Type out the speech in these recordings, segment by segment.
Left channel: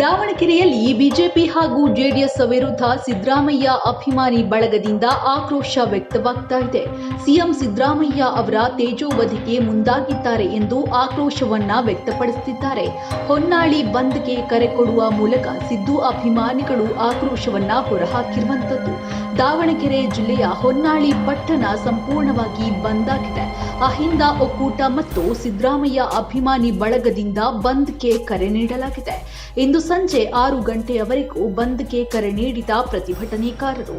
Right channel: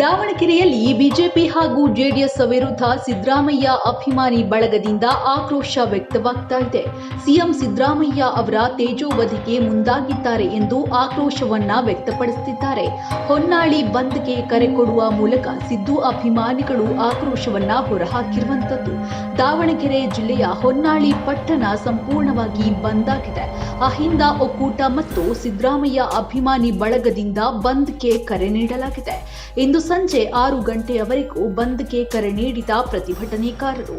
ದಾವಣಗೆರೆಯಲ್ಲಿ ಬಿಜೆಪಿ ಹಾಗೂ ಜೆಡಿಎಸ್ ವಿರುದ್ಧ ಸಿದ್ದರಾಮಯ್ಯ ಅಭಿಮಾನಿ ಬಳಗದಿಂದ ಆಕ್ರೋಶ ವ್ಯಕ್ತವಾಗ್ತಾ ಇದೆ. ಸಿಎಂ ಸಿದ್ದರಾಮಯ್ಯ ಅವರ ತೇಜೋವಧಿಗೆ ಮುಂದಾಗಿದ್ದಾರೆ ಎಂದು ಆಕ್ರೋಶವನ್ನ ವ್ಯಕ್ತಪಡಿಸುತ್ತಿದ್ದಾರೆ. ಹೊನ್ನಾಳಿ ಬಂದ್ಗೆ ಕರೆ ಕೊಡುವ ಮೂಲಕ ಸಿದ್ದು ಅಭಿಮಾನಿಗಳು ಆಕ್ರೋಶವನ್ನ ಹೊರಹಾಕಿರುವಂತದ್ದು. ದಾವಣಗೆರೆ ಜಿಲ್ಲೆಯ ಹೊನ್ನಾಳಿ ಪಟ್ಟಣ ಸಂಪೂರ್ಣವಾಗಿ ಬಂದ್ ಆಗಿದೆ. ಅಹಿಂದ ಒಕ್ಕೂಟ ಮತ್ತು ಸಿದ್ದರಾಮಯ್ಯ ಅಭಿಮಾನಿ ಬಳಗದಿಂದ ಬಂದ್ಗೆ ಕರೆ ನೀಡಲಾಗಿದೆ. ಇಂದು ಸಂಜೆ 6 ಗಂಟೆಯವರೆಗೂ ಬಂದ್ಗೆ ಕರೆ ನೀಡಿದ ಪ್ರತಿಭಟನೆಕಾರರು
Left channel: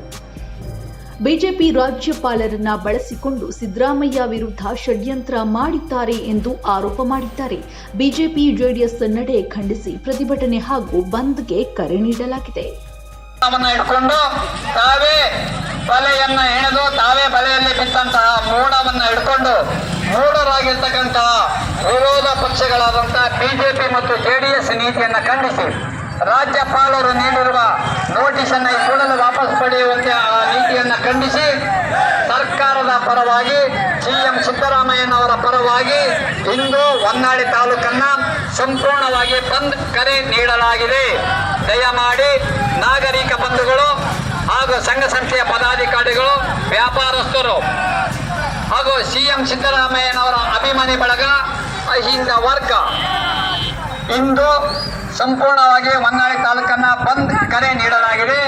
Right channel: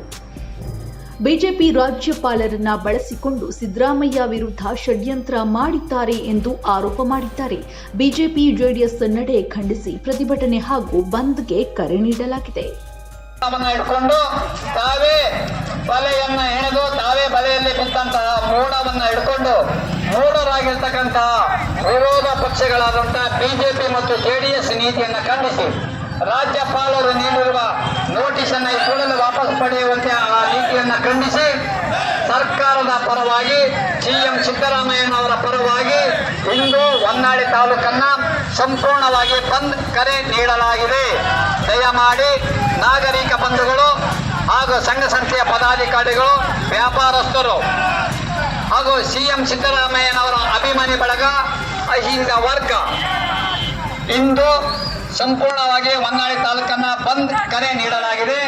ಬಿಜೆಪಿ ರಾಜ್ಯಪಾಲರನ್ನ ಬಳಸಿಕೊಂಡು ಸಿದ್ದರಾಮಯ್ಯ ವಿರುದ್ಧ ಷಡ್ಯಂತ್ರ ಮಾಡಿದ್ದಾರೆ ಎಂದು ಆರೋಪ ಮಾಡಿದ್ದಾರೆ. ಬಿಜೆಪಿ ಜೆಡಿಎಸ್ ನಡೆ ಖಂಡಿಸಿ ಪ್ರತಿಭಟನೆ ಹಾಗೂ ಬಂದ್ಗೆ ಕರೆ ನೀಡಲಾಗಿದೆ. ಹಿಡ್ಕೊಂಡು ತಾವೇ ಬಲೆಯನ್ನ ಎಣೆದು ತಾವೇ ಬಲೆಯಲ್ಲಿ ಬಿದ್ದಂತಹ ಮೋಡವನ್ನ ಹಿಡ್ಕೊಂಡು ಮೂಢರಾಗಿರ್ತಕ್ಕಂತಹ ವಿರೋಧ ಪಕ್ಷಗಳಾದಂತಹ ಬಿಜೆಪಿ ಮತ್ತು ಜೆಡಿಎಸ್ ನೀತಿಯನ್ನ ಖಂಡಿಸಿ ರಾಜ್ಯಪಾಲರು ನೀಡಿರುವ ನೋಟಿಸ್ ಅನ್ನ ಈ ಕೂಡಲೇ ವಾಪಸ್ ಪಡೆಯುವಂತೆ ಆ ನೀತಿಯನ್ನ ಖಂಡಿಸಿ ಸರ್ಕಾರದ ಪರವಾಗಿ ಸಿಎಂ ಸಿದ್ದರಾಮಯ್ಯನವರ ಪರವಾಗಿ ಇಂದು ಹೊನ್ನಾಳಿ ತಾಲೂಕನ್ನ ಸಂಪೂರ್ಣವಾಗಿ ಬಂದ್ ಕರೆ ನೀಡಲಾಗಿದೆ. ದಯಮಾಡಿ ನಾಗರಿಕ ಬಂಧುಗಳು ಹಾಗೂ ಸಂಘ ಸಂಸ್ಥೆಯ ಪದಾಧಿಕಾರಿಗಳು, ವ್ಯಾಪಾರಸ್ಥರು ಹಾಗೂ ಸಿಎಂ ಸಿದ್ದರಾಮಯ್ಯನವರ ಅಭಿಮಾನಿ ಬಳಗ, ಅಹಿಂದ ವರ್ಗ ಇಂದು ಸಂಪೂರ್ಣವಾಗಿ ಹೊನ್ನಾಳಿ ತಾಲೂಕನ್ನ ಬಂದ್ ಕರೆ ನೀಡಲಾಗಿದೆ.